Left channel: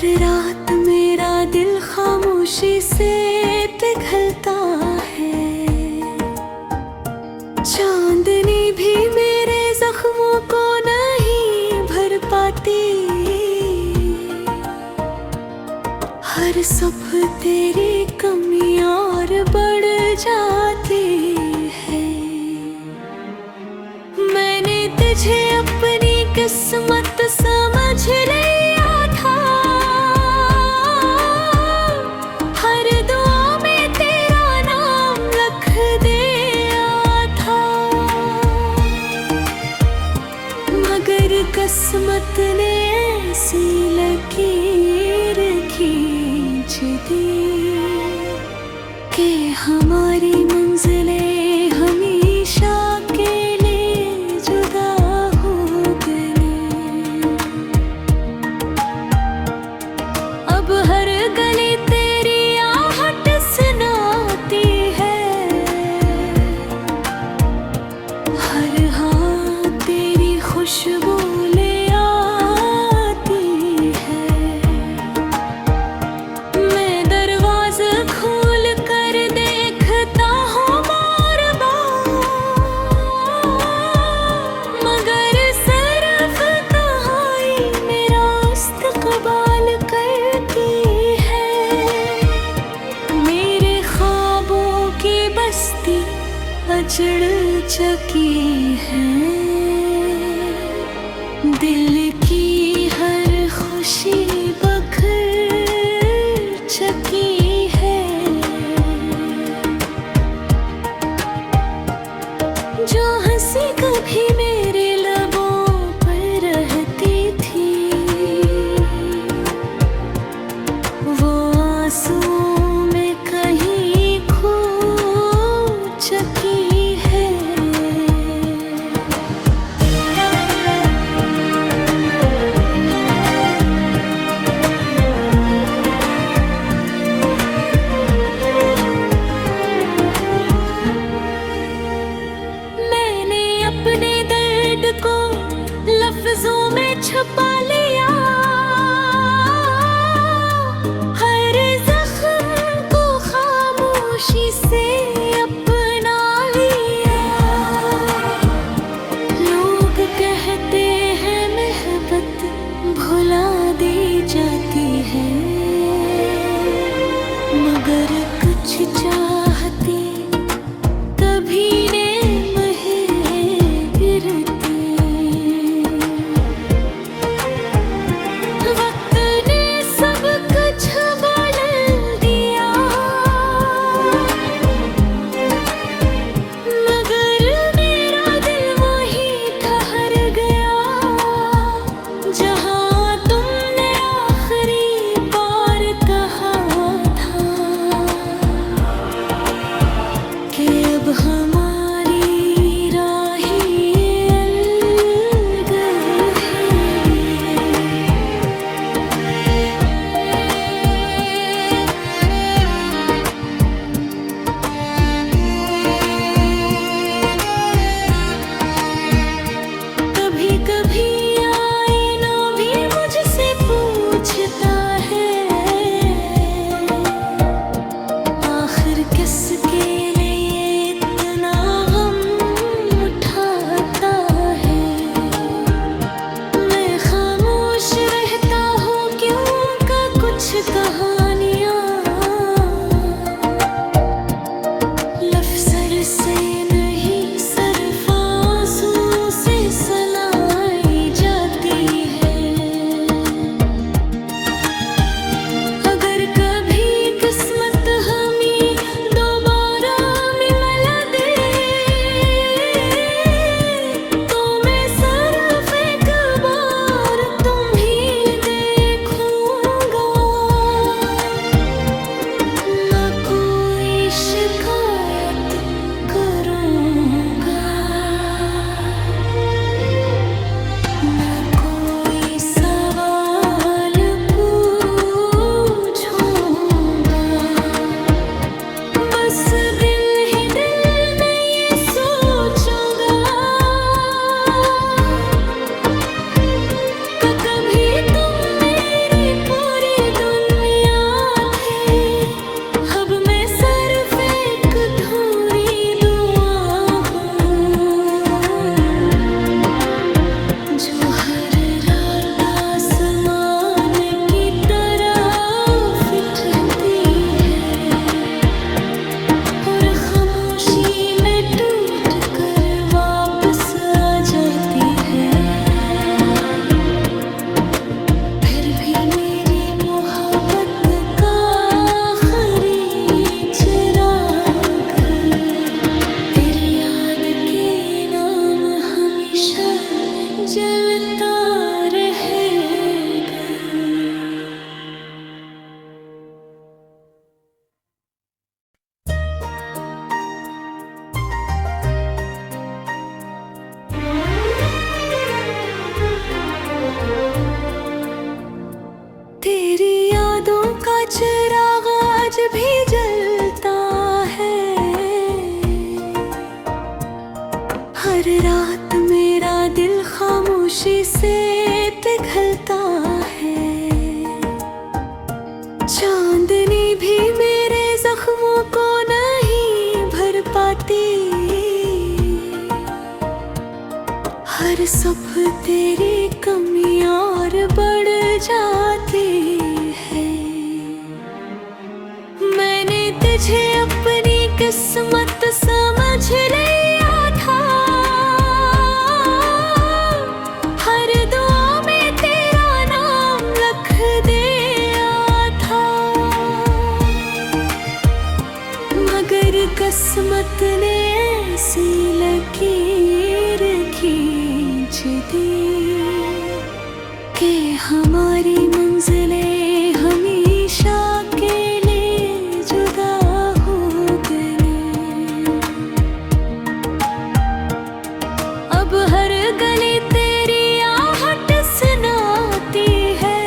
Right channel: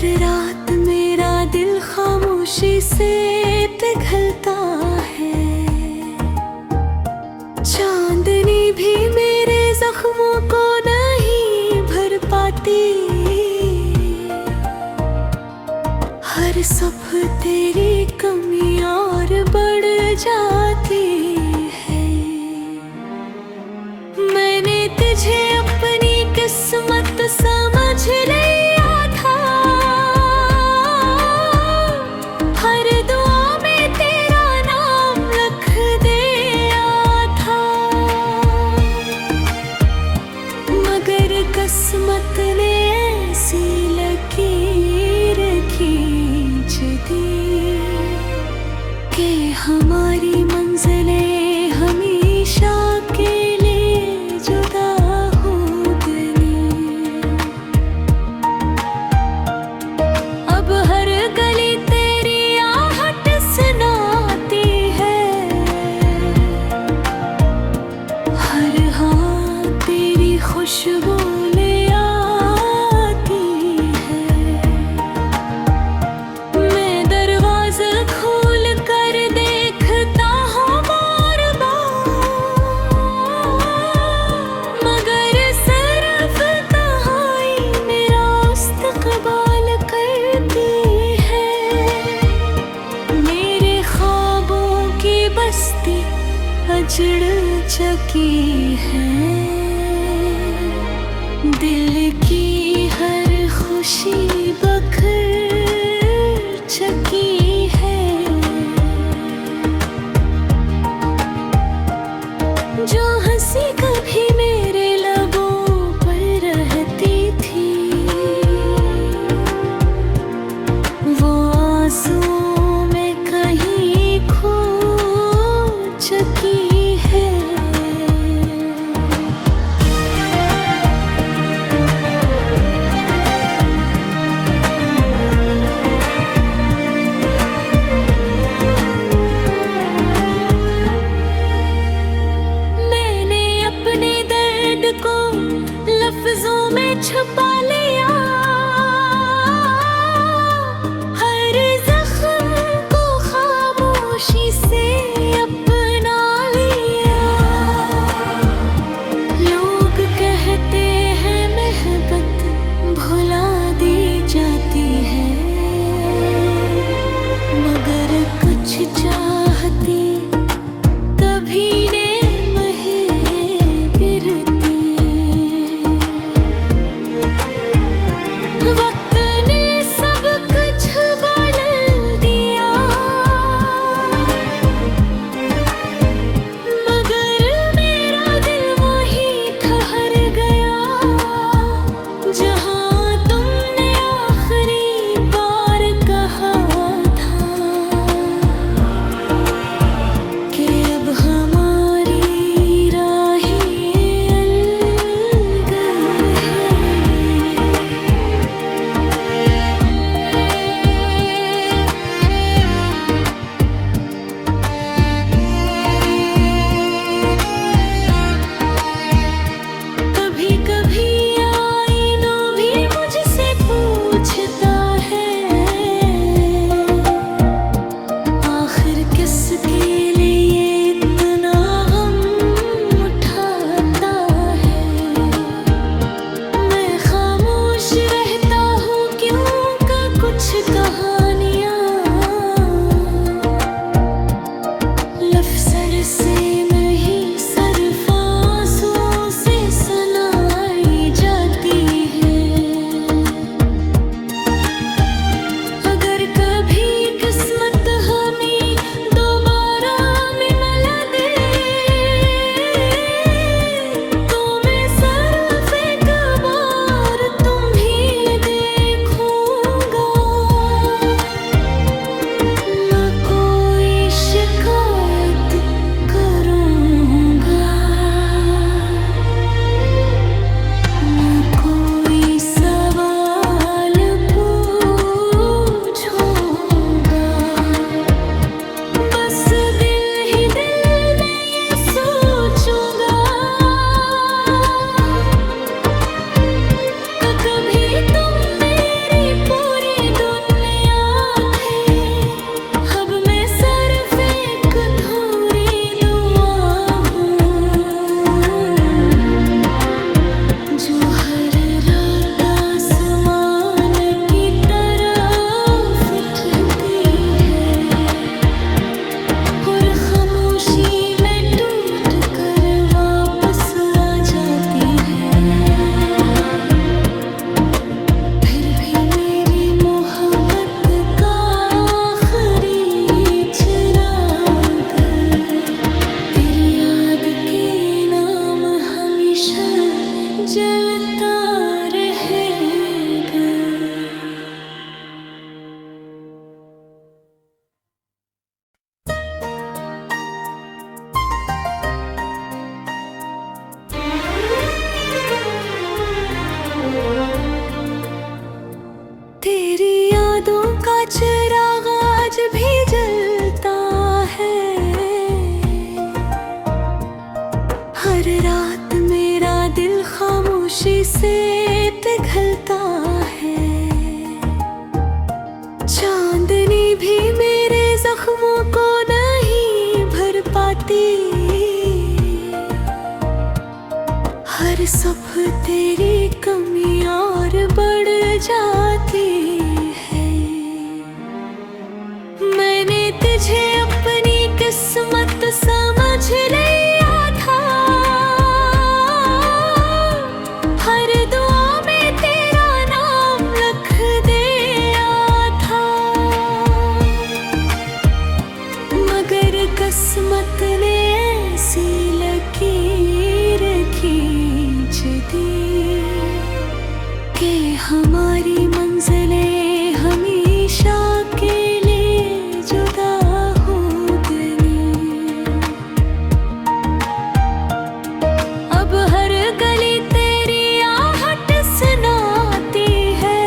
हर रात मेरा दिल खामोशी से पिघलता है। चांदनी भी मेरे जख्मों को नहीं भर पाती। हर सुबह तेरी कमी और बढ़ जाती है। मैंने तुझे अपनी किस्मत समझ लिया था। हर दुआ में तेरा नाम लिख दिया था। मगर किस्मत ने ऐसी लकीर खींच दी कि हमारी मंजिलें हमेशा के लिए जुदा हो गई। अब हर गली तेरी आहट सुनाती है। हर हाथ तेरी खुशबू ले आती है। मैं दरवाज़ा खोल कर देखता हूँ बार बार, मगर सिर्फ तन्हाई मेरा इस्तक़बाल करती है। मेरे ख्वाबों की बस्ती अजड़ चुकी है। दिल की हर खुशी बखर चुकी है। जो हंसी कभी मेरे लबों पर रहती थी, वो आंसुओं में कहीं खो चुकी है। मैंने अपने दर्द को लफ्जों में छुपा लिया। हर जख्म को खामोशी से अपना लिया। लोग कहते हैं मोहब्बत भुला दी जाती है, मगर कुछ चाहती कभी ने वक्त ने सब कुछ बदल दिया, मगर मेरा दिल वहीं ठहर गया जहां तुमने आखिरी बार कहा था कि अब हमारी राहें अलग हैं। कभी कभी आईना भी मुझसे पूछता है, आखिर किसके लिए इतना गम उठाता है। मैं खामोश रहता हूँ क्यों का कुछ कहानियाँ लफ्ज़ से नहीं सिर्फ आंसू से सुनाई जाती है। अगर कभी किस्मत हमें दोबारा जो हर रात आसमान की तरफ ठहरती है और खामोशी में टूट कर वापस आ जाती है। फिर भी मेरी मोहब्बत का आखिरी चिराग तेरी याद के नाम हमेशा जलता रहेगा। तेरी यादों का चिराग आज भी जलता है। हर रात मेरा दिल खामोशी से पिघलता है। चांदनी भी मेरे जख्मों को नहीं भर पाती। हर सुबह तेरी कमी और बढ़ जाती है। मैंने तुझे अपनी किस्मत समझ लिया था। हर दुआ में तेरा नाम लिख दिया था। मगर किस्मत ने ऐसी लकीर खींच दी कि हमारी मंजिलें हमेशा के लिए जुदा हो गई। अब हर गली तेरी आहट सुनाती है।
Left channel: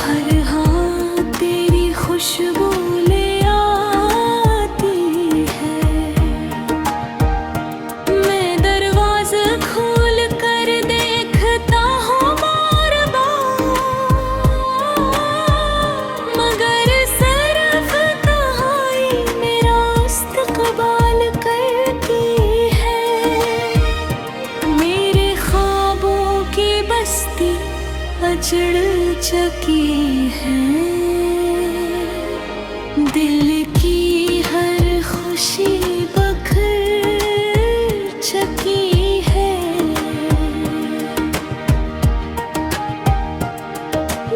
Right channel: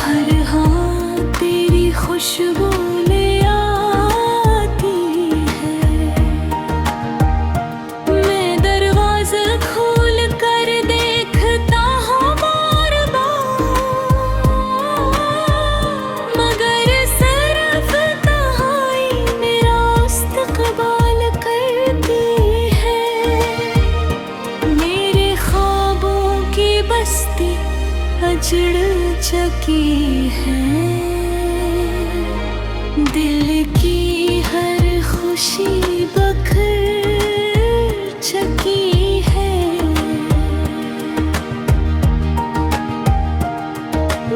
हर हाथ तेरी खुशबू ले आती है। मैं दरवाज़ा खोल कर देखता हूँ बार बार, मगर सिर्फ तन्हाई मेरा इस्तक़बाल करती है। मेरे ख्वाबों की बस्ती अजड़ चुकी है। दिल की हर खुशी बखर चुकी है।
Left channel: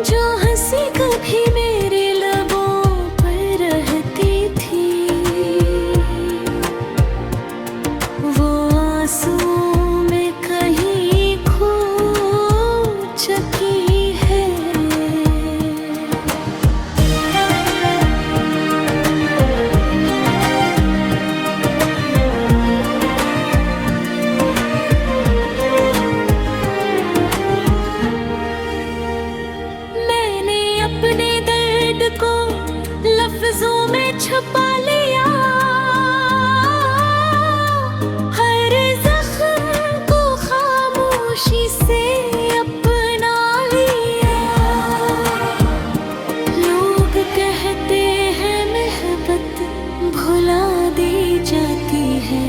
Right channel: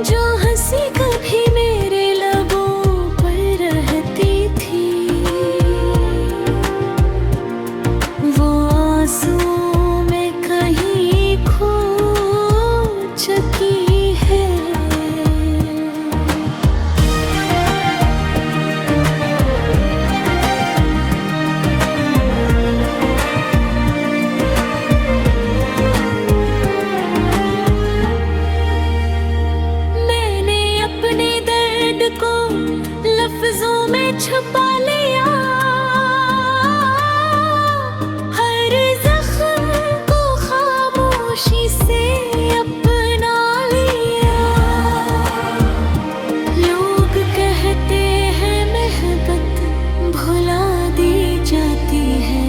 जो हंसी कभी मेरे लबों पर रहती थी, वो आंसुओं में कहीं खो चुकी है। मैंने अपने दर्द को लफ्जों में छुपा लिया। हर जख्म को खामोशी से अपना लिया। लोग कहते हैं मोहब्बत भुला दी जाती है,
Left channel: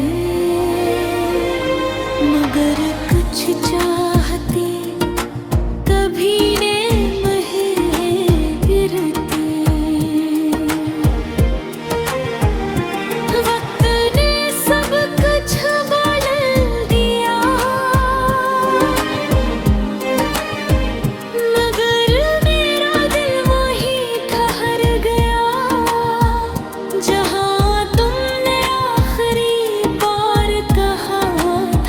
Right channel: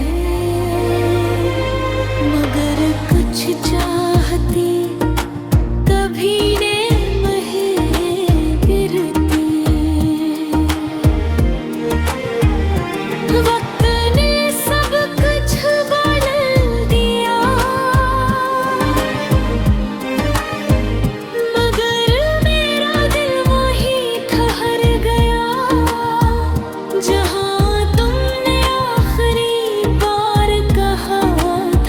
मगर कुछ चाहती कभी ने गिरती। वक्त ने सब कुछ बदल दिया, मगर मेरा दिल वहीं ठहर गया जहाँ तुमने आखिरी बार कहा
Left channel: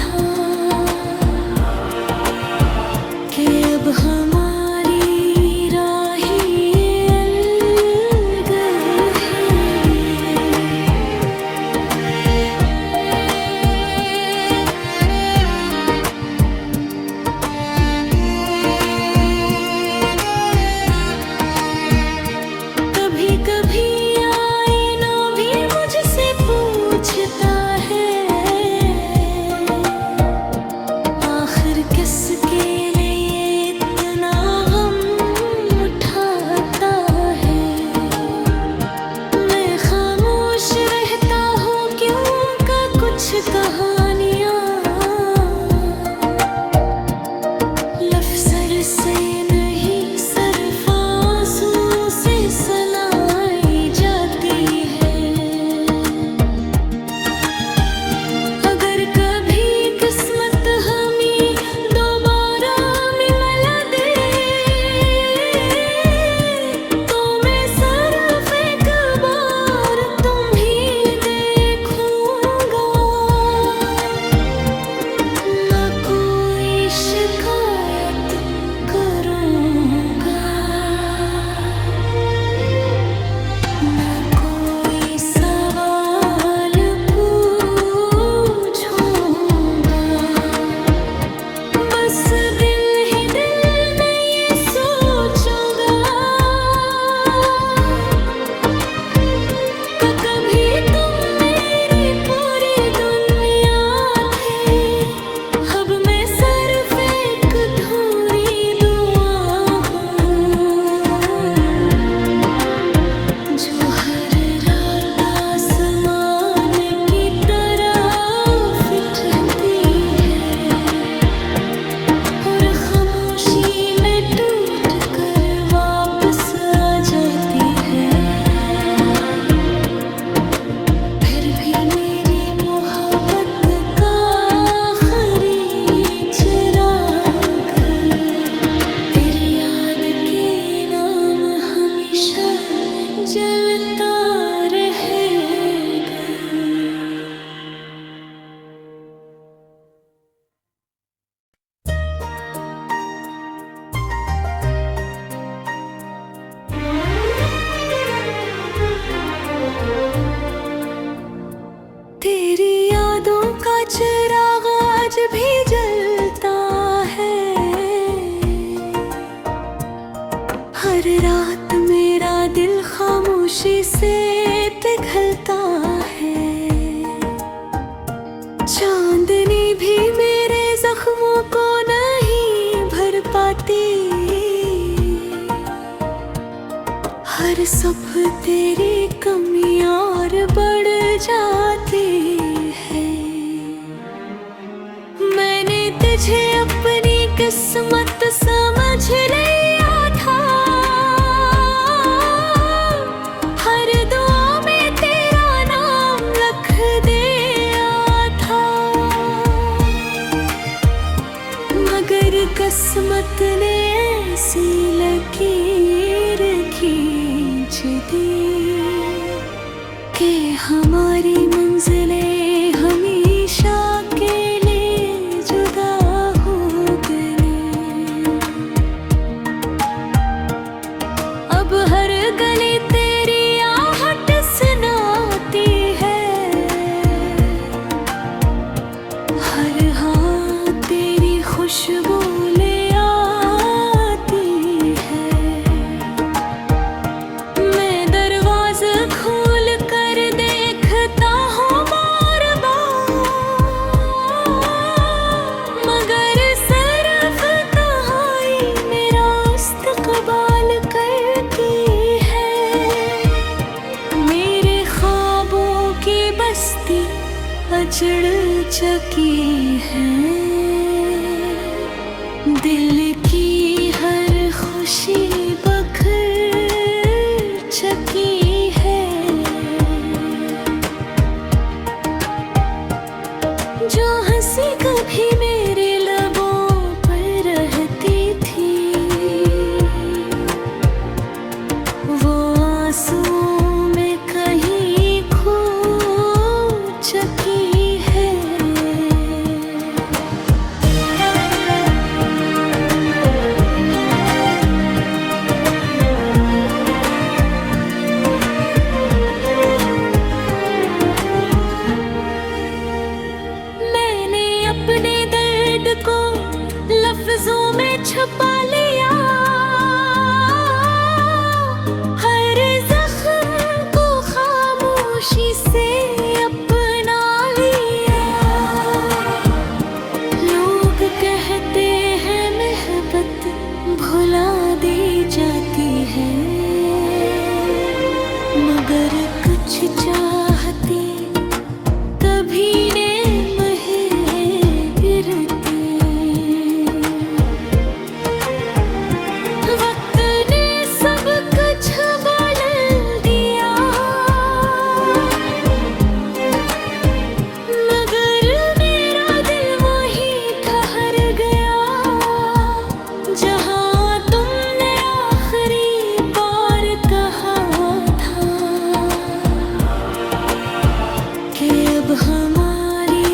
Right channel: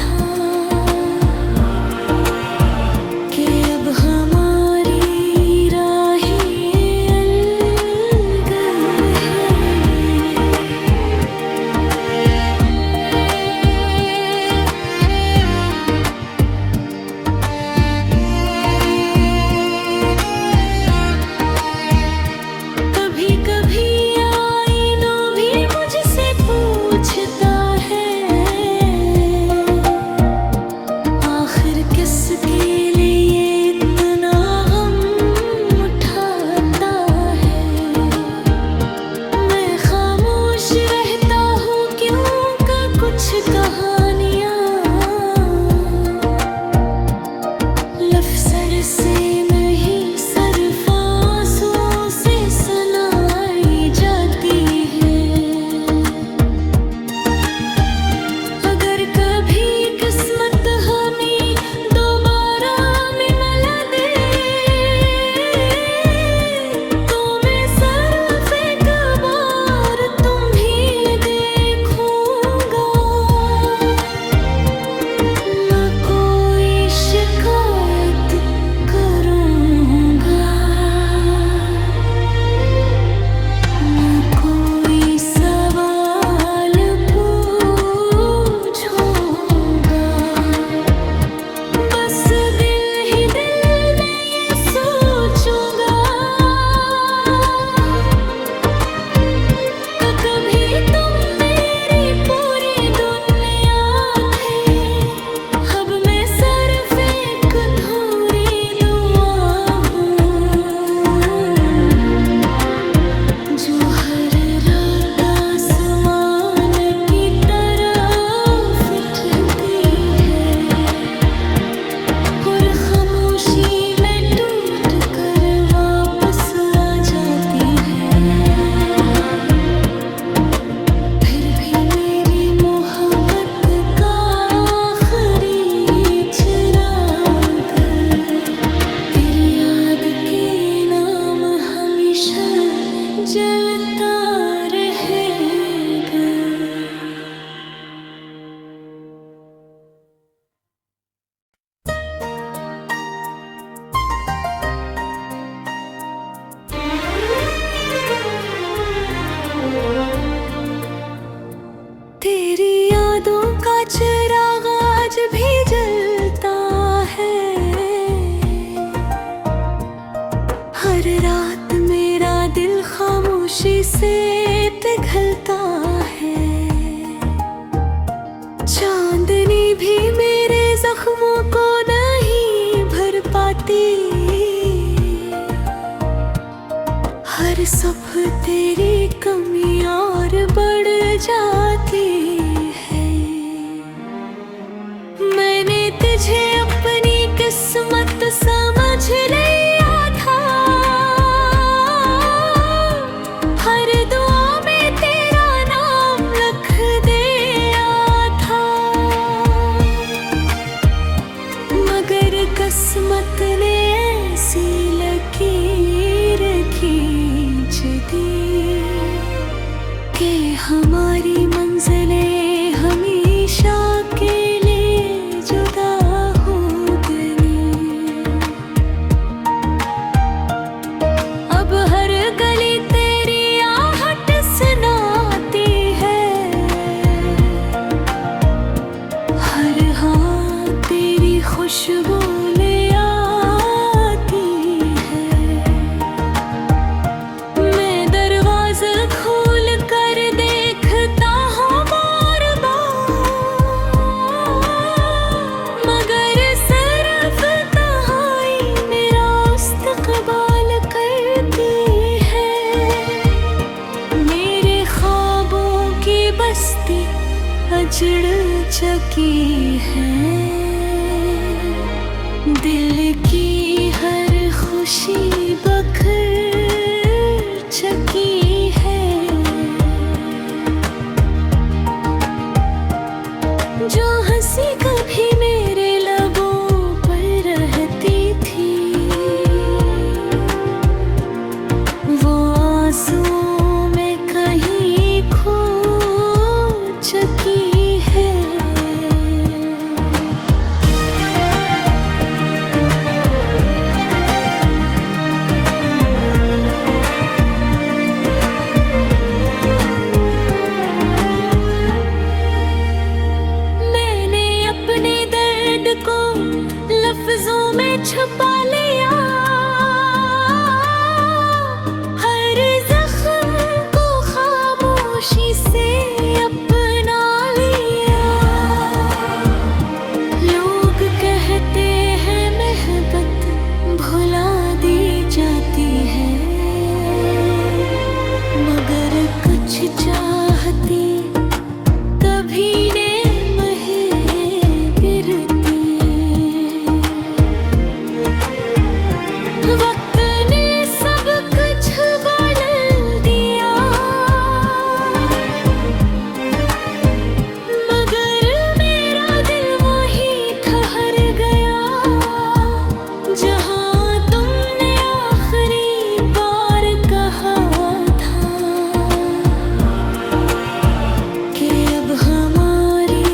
था कि अब हमारी राहें अलग हैं। कभी कभी आईना भी मुझसे पूछता है, आखिर किसके लिए इतना गम उठाता है। मैं खामोश रहता हूँ क्यों का कुछ कहानियाँ शिकायत करूंगा, न कोई सवाल पूछूंगा, बस दिल ही दिल में ये सोचूंगा कि कभी तुम मेरी पूरी दुनिया थे। अब मैं सिर्फ एक अधूरी दुआ हूँ, जो हर रात आसमान की तरफ उठती है और खामोशी में टूट कर वापस आ जाती है। फिर भी मेरी मोहब्बत का आखिरी चिराग तेरी याद के नाम हमेशा जलता रहेगा। तेरी यादों का चिराग आज भी जलता है, हर रात मेरा दिल खामोशी से पिघलता है। चांदनी भी मेरे जख्मों को नहीं भर पाती, हर सुबह तेरी कमी और बढ़ जाती है। मैंने तुझे अपनी किस्मत समझ लिया था, हर दुआ में तेरा नाम लिख दिया था, मगर किस्मत ने ऐसी लकीर खींच दी कि हमारी मंजिलें हमेशा के लिए जुदा हो गई। अब हर गली तेरी आहट सुनाती है, हर हाथ तेरी खुशबू ले आती है। मैं दरवाज़ा खोल कर देखता हूँ बार बार, मगर सिर्फ तन्हाई मेरा इस्तक़बाल करती है। मेरे ख्वाबों की बस्ती अजड़ चुकी है, दिल की हर खुशी बखर चुकी है। जो हंसी कभी मेरे लबों पर रहती थी, वो आंसुओं में कहीं खो चुकी है। मैंने अपने दर्द को लफ्जों में छुपा लिया, हर जख्म को खामोशी से अपना लिया। लोग कहते हैं मोहब्बत भुला दी जाती है, मगर कुछ चाहती कभी ने गिरती। वक्त ने सब कुछ बदल दिया, मगर मेरा दिल वही ठहर गया, जहाँ तुमने आखिरी बार कहा था कि अब हमारी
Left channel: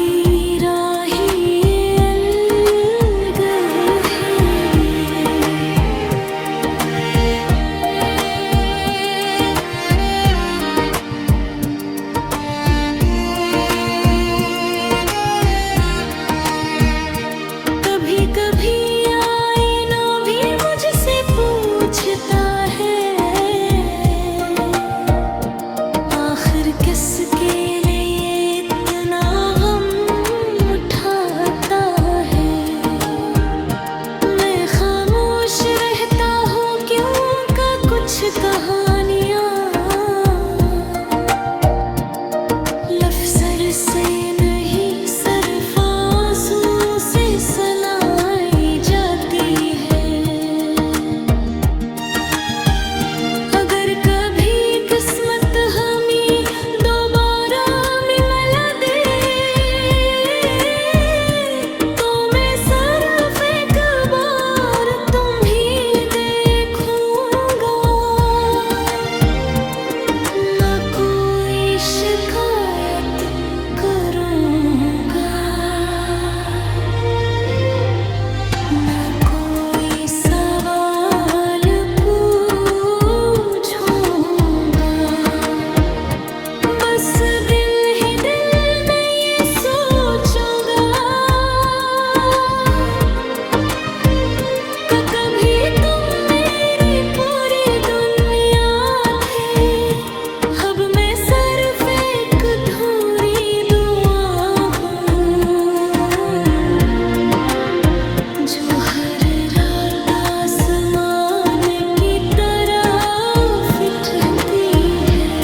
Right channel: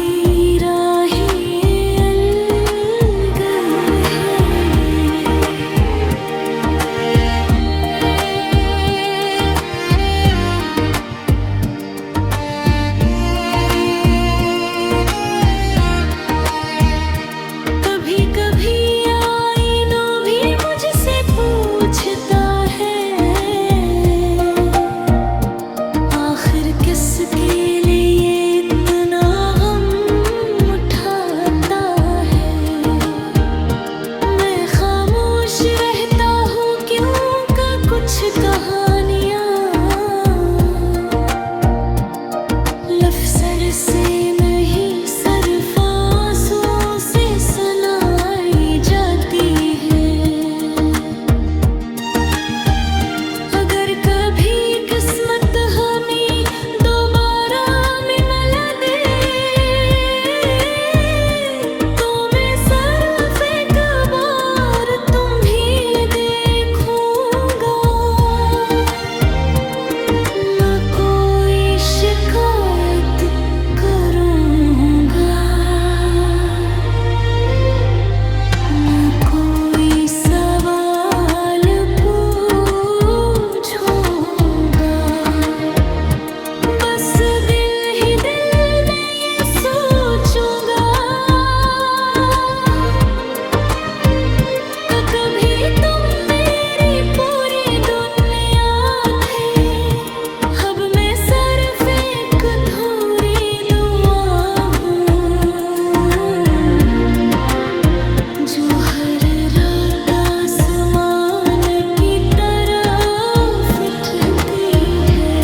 जो हर रात आसमान की तरफ उठती है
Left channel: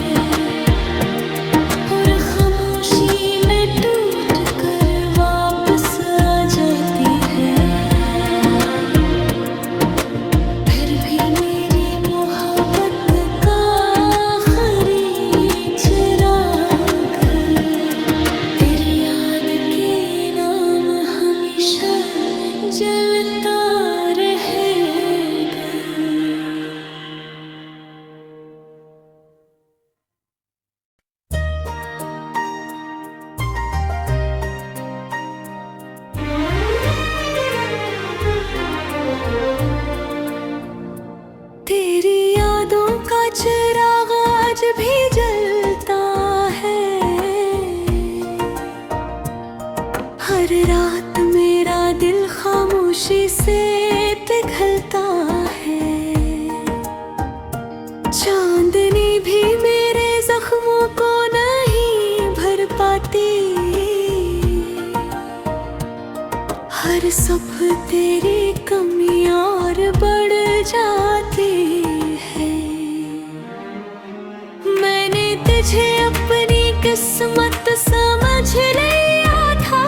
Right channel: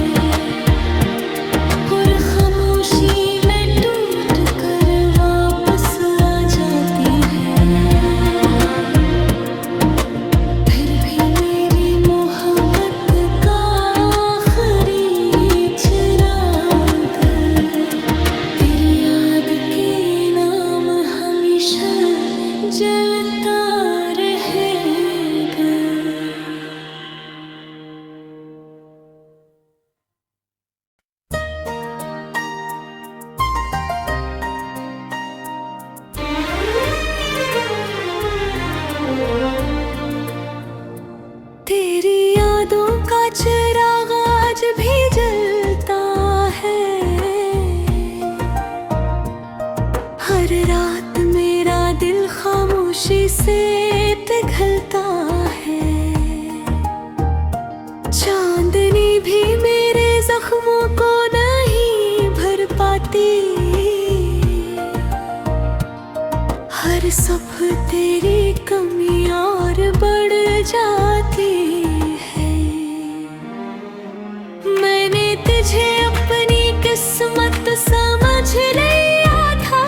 और खामोशी में टूट कर वापस आ जाती है। फिर भी मेरी मोहब्बत का आखिरी चिराग तेरी याद के नाम हमेशा जलता रहेगा। तेरी यादों का चिराग आज भी जलता है। हर रात मेरा दिल खामोशी से पिघलता है। चांदनी भी मेरे जख्मों को नहीं भर पाती। हर सुबह तेरी कमी और बढ़ जाती है। मैंने तुझे अपनी किस्मत समझ लिया था।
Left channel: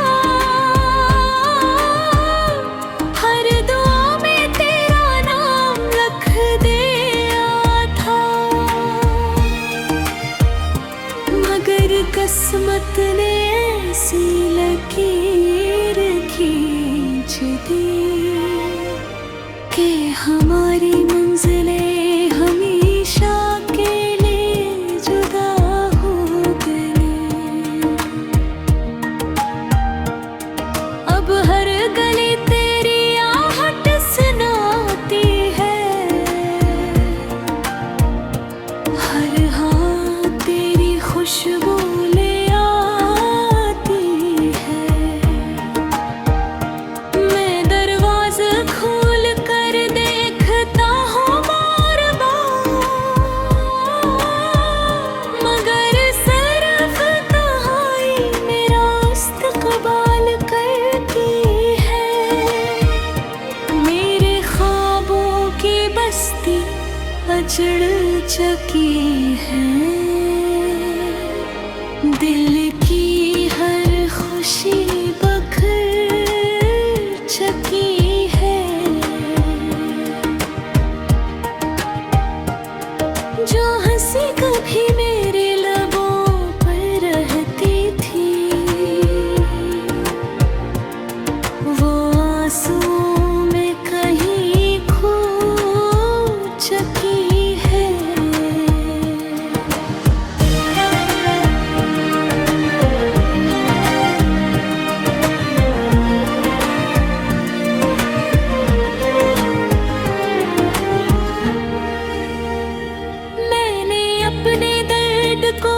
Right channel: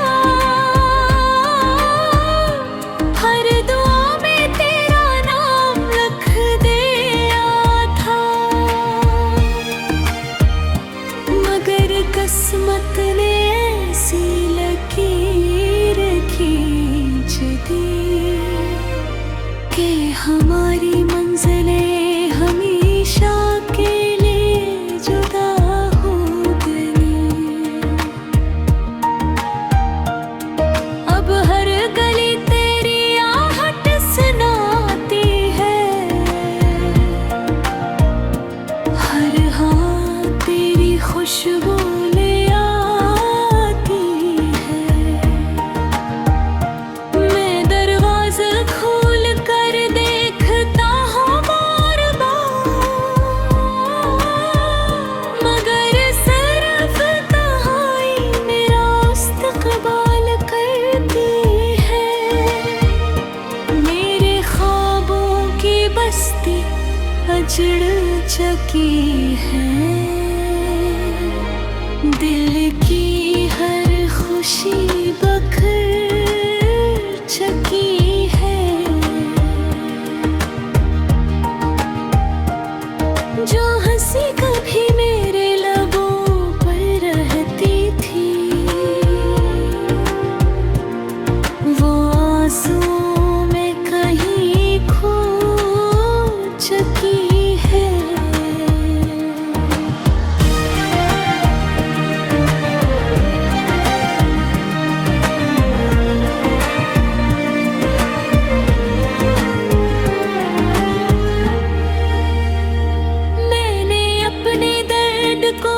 हर दुआ में तेरा नाम लिख दिया था। मगर किस्मत ने ऐसी लकीर खींच दी कि हमारी मंजिलें हमेशा के लिए जुदा हो गई। अब हर गली तेरी आहट सुनाती है। हर हाथ तेरी खुशबू ले आती है। मैं दरवाज़ा खोल कर देखता हूँ बार बार, मगर सिर्फ तन्हाई मेरा इस्तक़बाल करती है। मेरे ख्वाबों की बस्ती अजड़ चुकी है। दिल की हर खुशी बखर चुकी है। जो हंसी कभी मेरे लबों पर रहती थी, वो आंसुओं में कहीं खो चुकी है। मैंने अपने दर्द को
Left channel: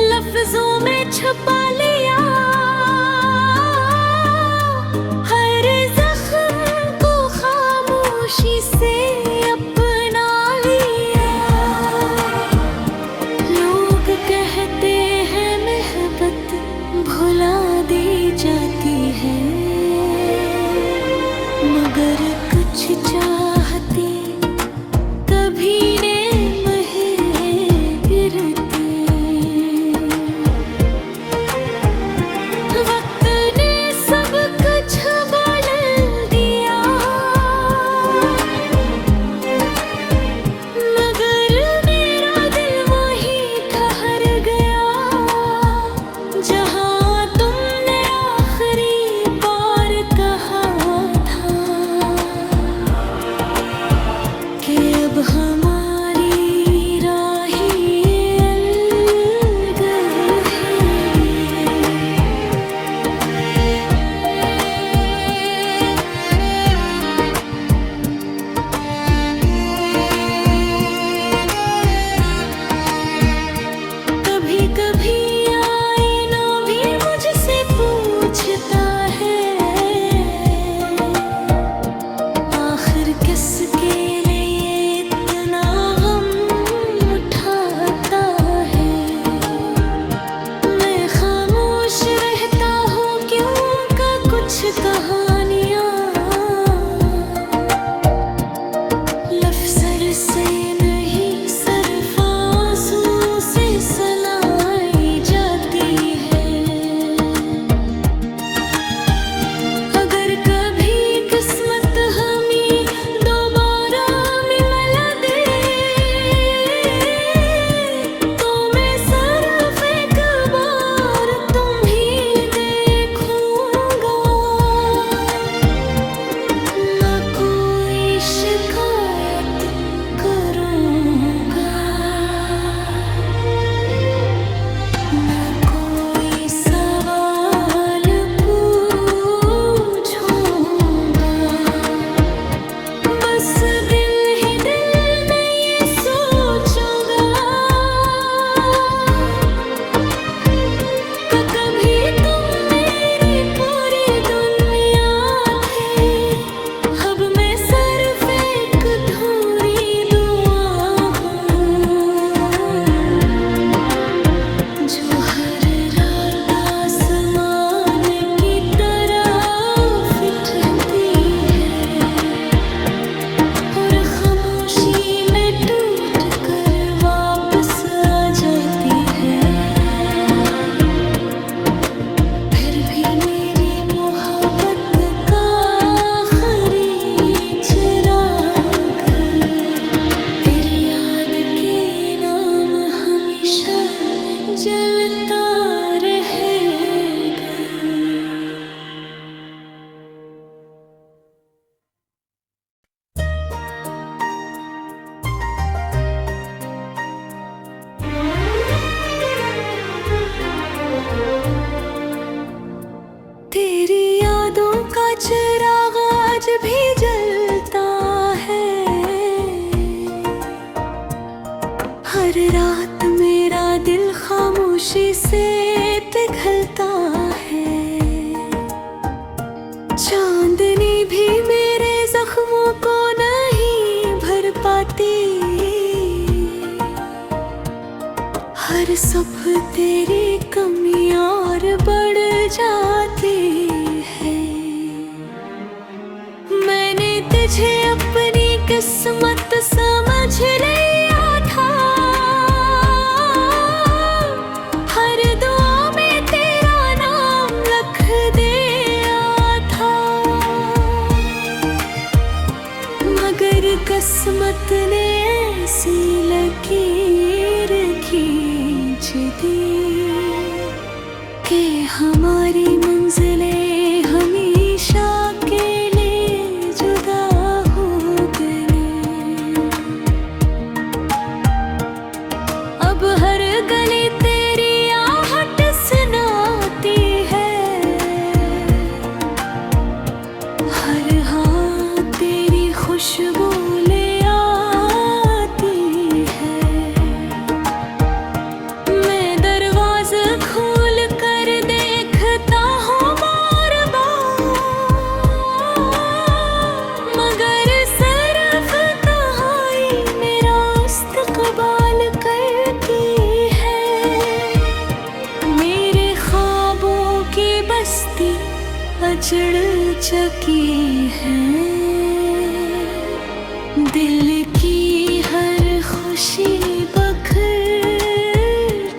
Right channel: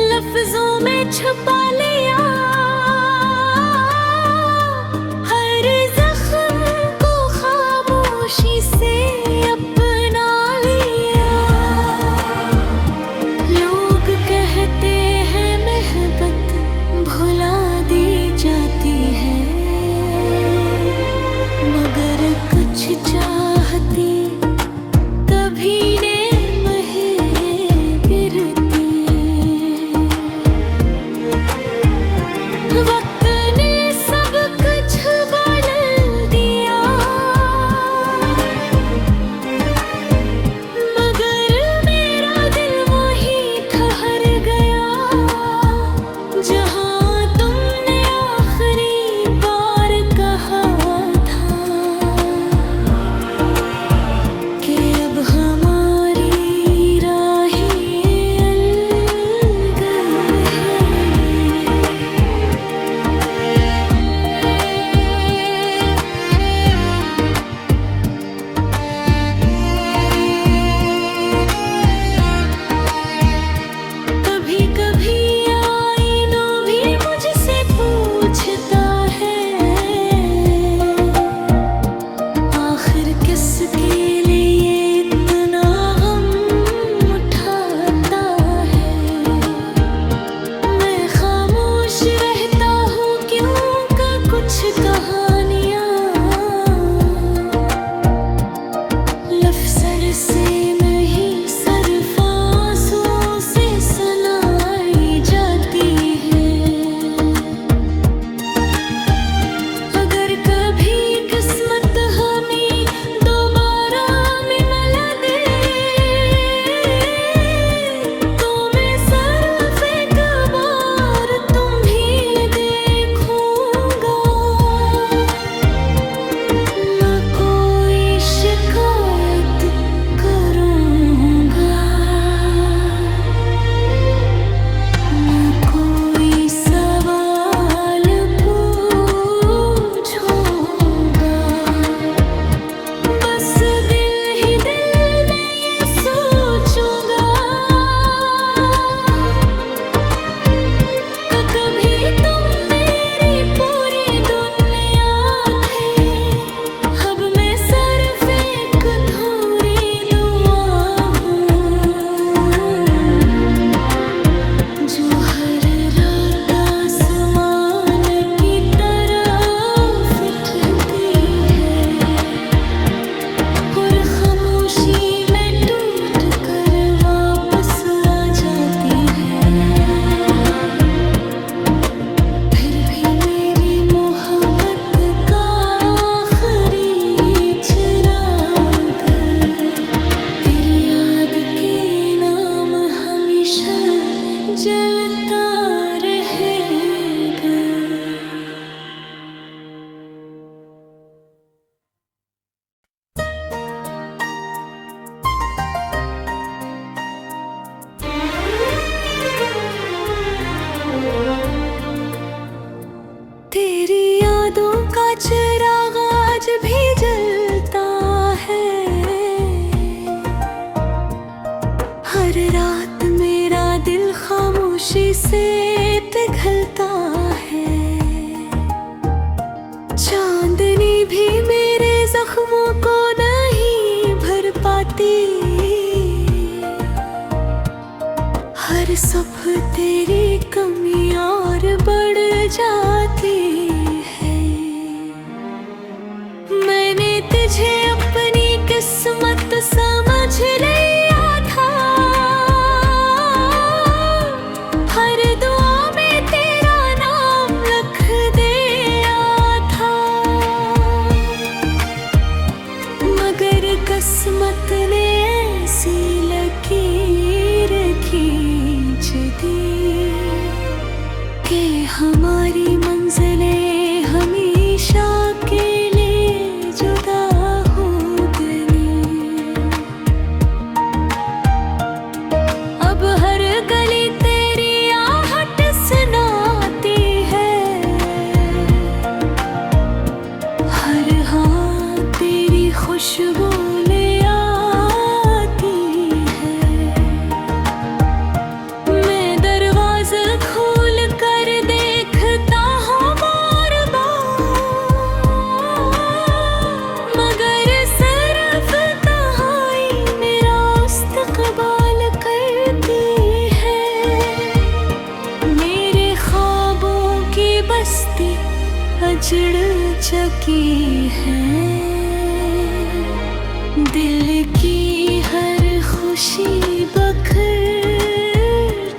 लफ्जों में छुपा लिया। हर जख्म को खामोशी से अपना लिया। लोग कहते हैं मोहब्बत भुला दी जाती है, मगर कुछ चाहती कभी ने गिरती। वक्त ने सब कुछ बदल दिया, मगर मेरा दिल वहीं ठहर गया जहाँ तुमने आखिरी बार कहा था कि अब हमारी राहें अलग हैं। कभी कभी आईना भी मुझसे पूछता है, आखिर किसके लिए इतना गम उठाता है। मैं खामोश रहता हूँ क्यों का कुछ कहानियाँ चांदनी भी मेरे जख्मों को नहीं भर पाती, हर सुबह तेरी कमी और बढ़ जाती है। मैंने तुझे अपनी किस्मत समझ लिया था, हर दुआ में तेरा नाम लिख दिया था, मगर किस्मत ने ऐसी लकीर खींच दी कि हमारी मंजिलें हमेशा के लिए जुदा हो गई। अब हर गली तेरी आहट सुनाती है, हर हाथ तेरी खुशबू ले आती है। मैं दरवाज़ा खोल कर देखता हूँ बार बार, मगर सिर्फ तन्हाई मेरा इस्तक़बाल करती है। मेरे ख्वाबों की बस्ती अजड़ चुकी है, दिल की हर खुशी बखर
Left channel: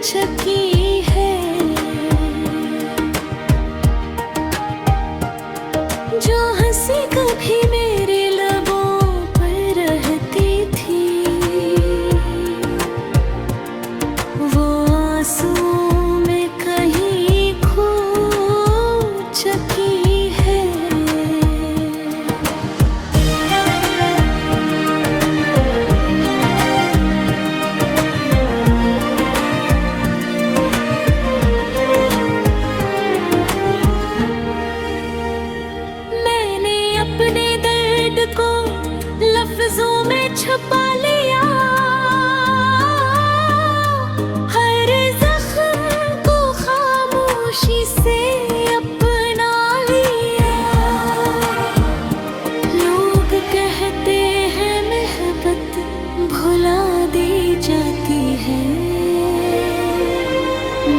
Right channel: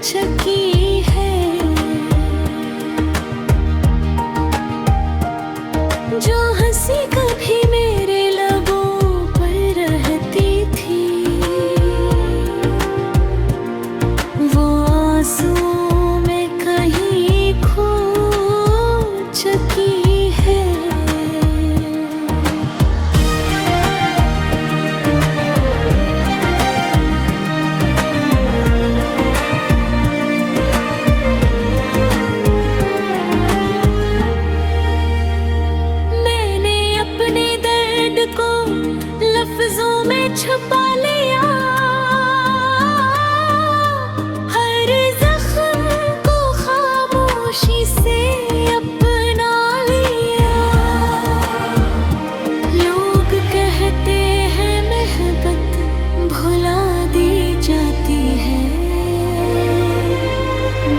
चुकी है। जो हंसी कभी मेरे लबों पर रहती थी, वो आंसुओं में कहीं खो चुकी है। मैंने अपने दर्द को लफ्जों में छुपा लिया, हर जख्म को खामोशी से अपना लिया। लोग कहते हैं मोहब्बत भुला दी जाती है,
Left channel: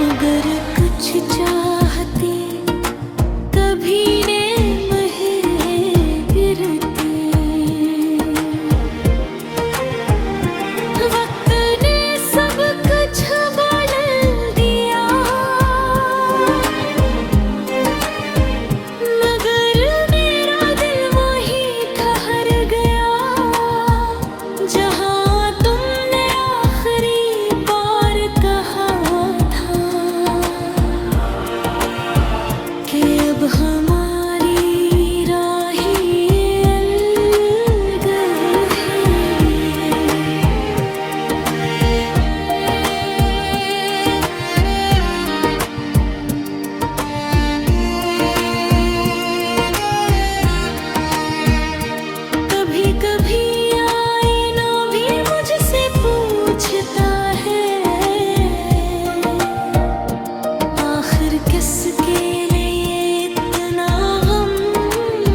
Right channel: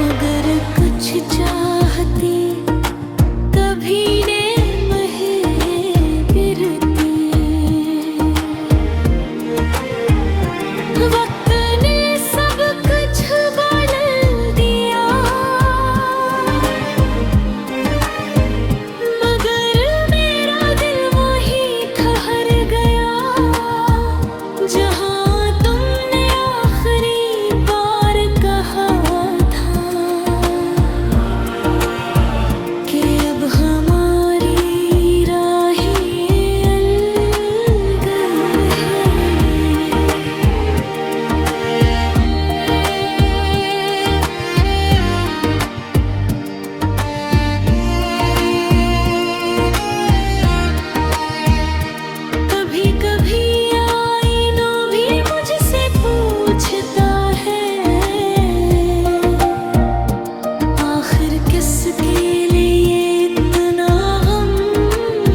मगर कुछ चाहती कभी ने वक्त ने सब कुछ बदल दिया, मगर मेरा दिल वहीं ठहर गया, जहाँ तुमने आखिरी बार कहा था कि अब हमारी राहें अलग हैं। कभी कभी आईना भी मुझसे पूछता है, आखिर किसके लिए इतना गम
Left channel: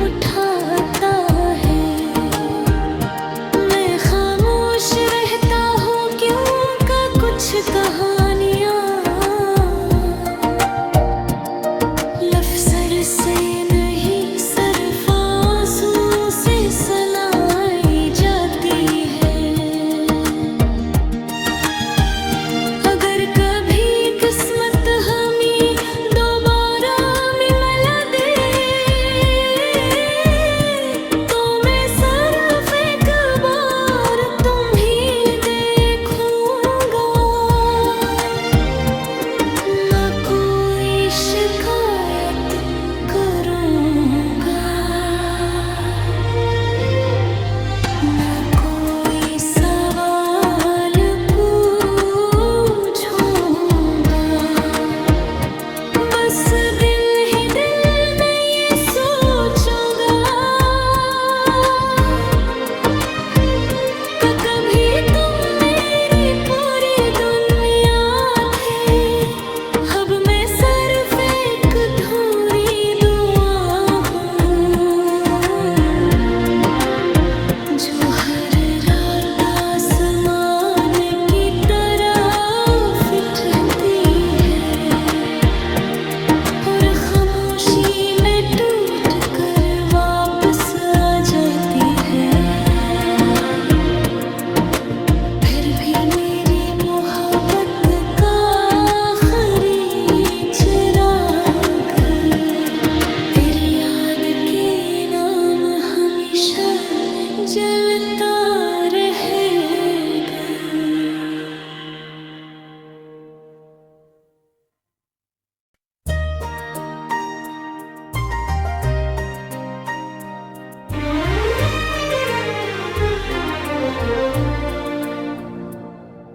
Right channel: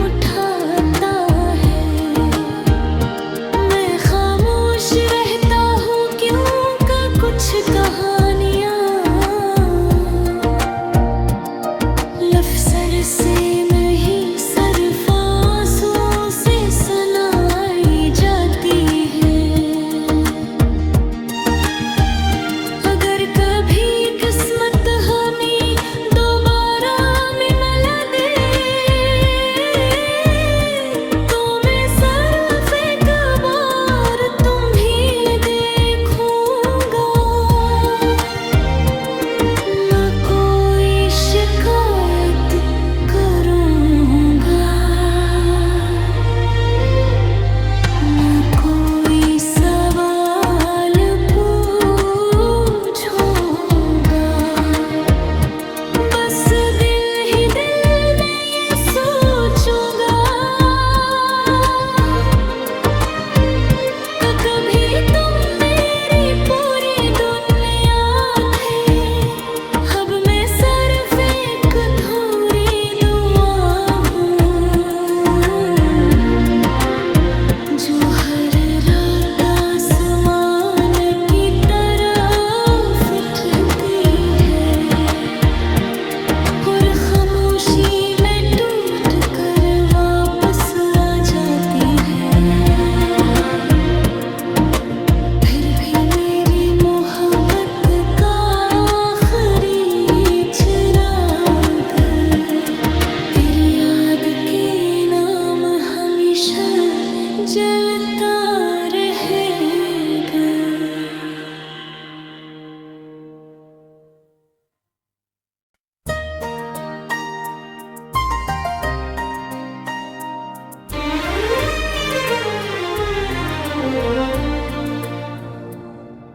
उठाता है। मैं खामोश रहता हूँ क्यों का कुछ कहानियाँ लफ्ज़ से नहीं सिर्फ आंसू से सुनाई जाती है। अगर कभी किस्मत हमें दोबारा हमेशा जलता रहेगा।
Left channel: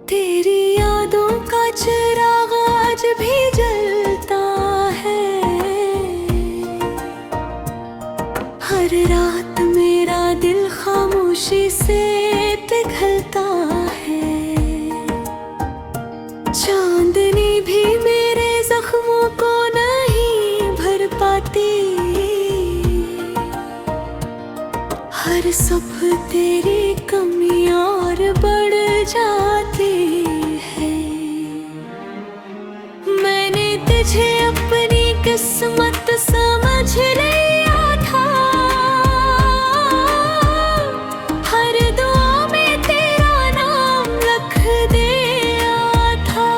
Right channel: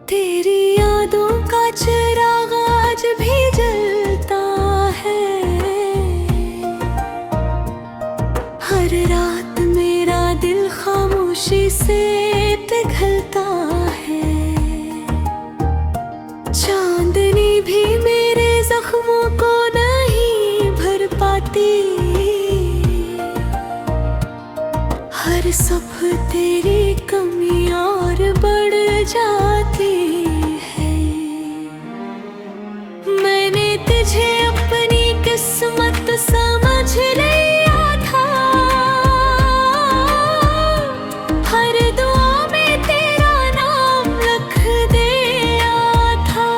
तेरी यादों का चिराग आज भी जलता है। हर रात मेरा दिल खामोशी से पिघलता है। चांदनी भी मेरे जख्मों को नहीं भर पाती। हर सुबह तेरी कमी और बढ़ जाती है। मैंने तुझे अपनी किस्मत समझ लिया था। हर दुआ में तेरा नाम लिख दिया था।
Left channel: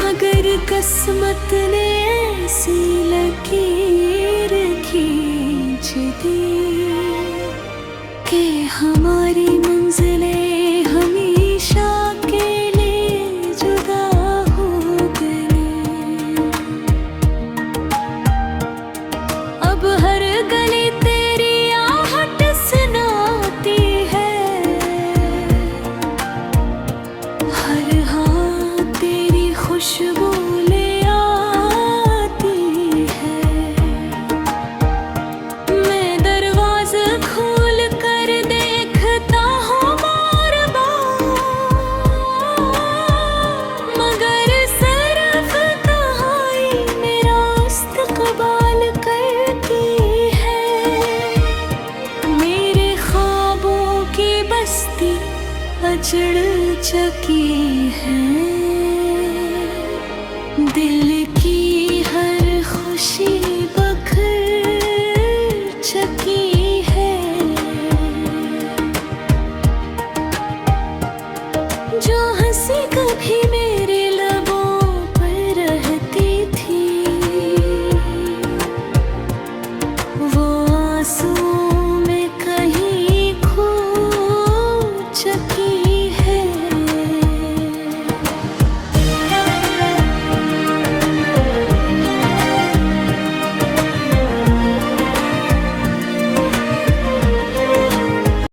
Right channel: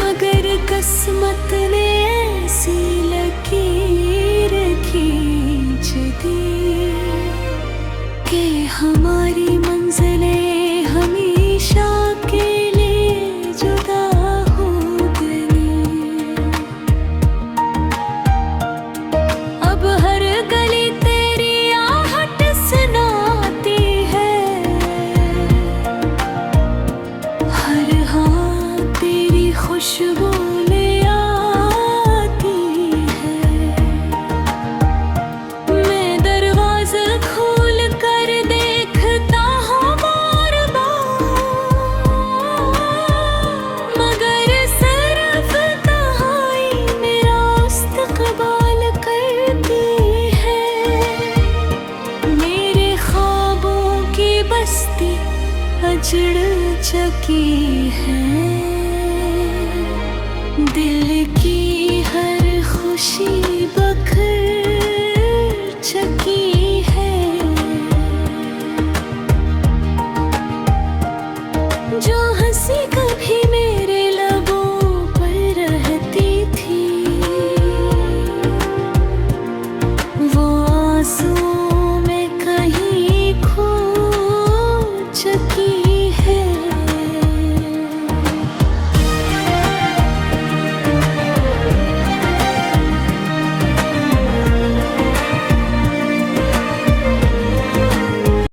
मगर किस्मत ने ऐसी लकीर खींच दी कि हमारी मंजिलें हमेशा के लिए जुदा हो गई। अब हर गली तेरी आहट सुनाती है। हर हाथ तेरी खुशबू ले आती है। मैं दरवाज़ा खोल कर देखता हूँ बार बार। मगर सिर्फ तन्हाई मेरा इस्तक़बाल करती है। मेरे ख्वाबों की बस्ती अजड़ चुकी है। दिल की हर खुशी बखर चुकी है। जो हंसी कभी मेरे लबों पर रहती थी, वो आंसू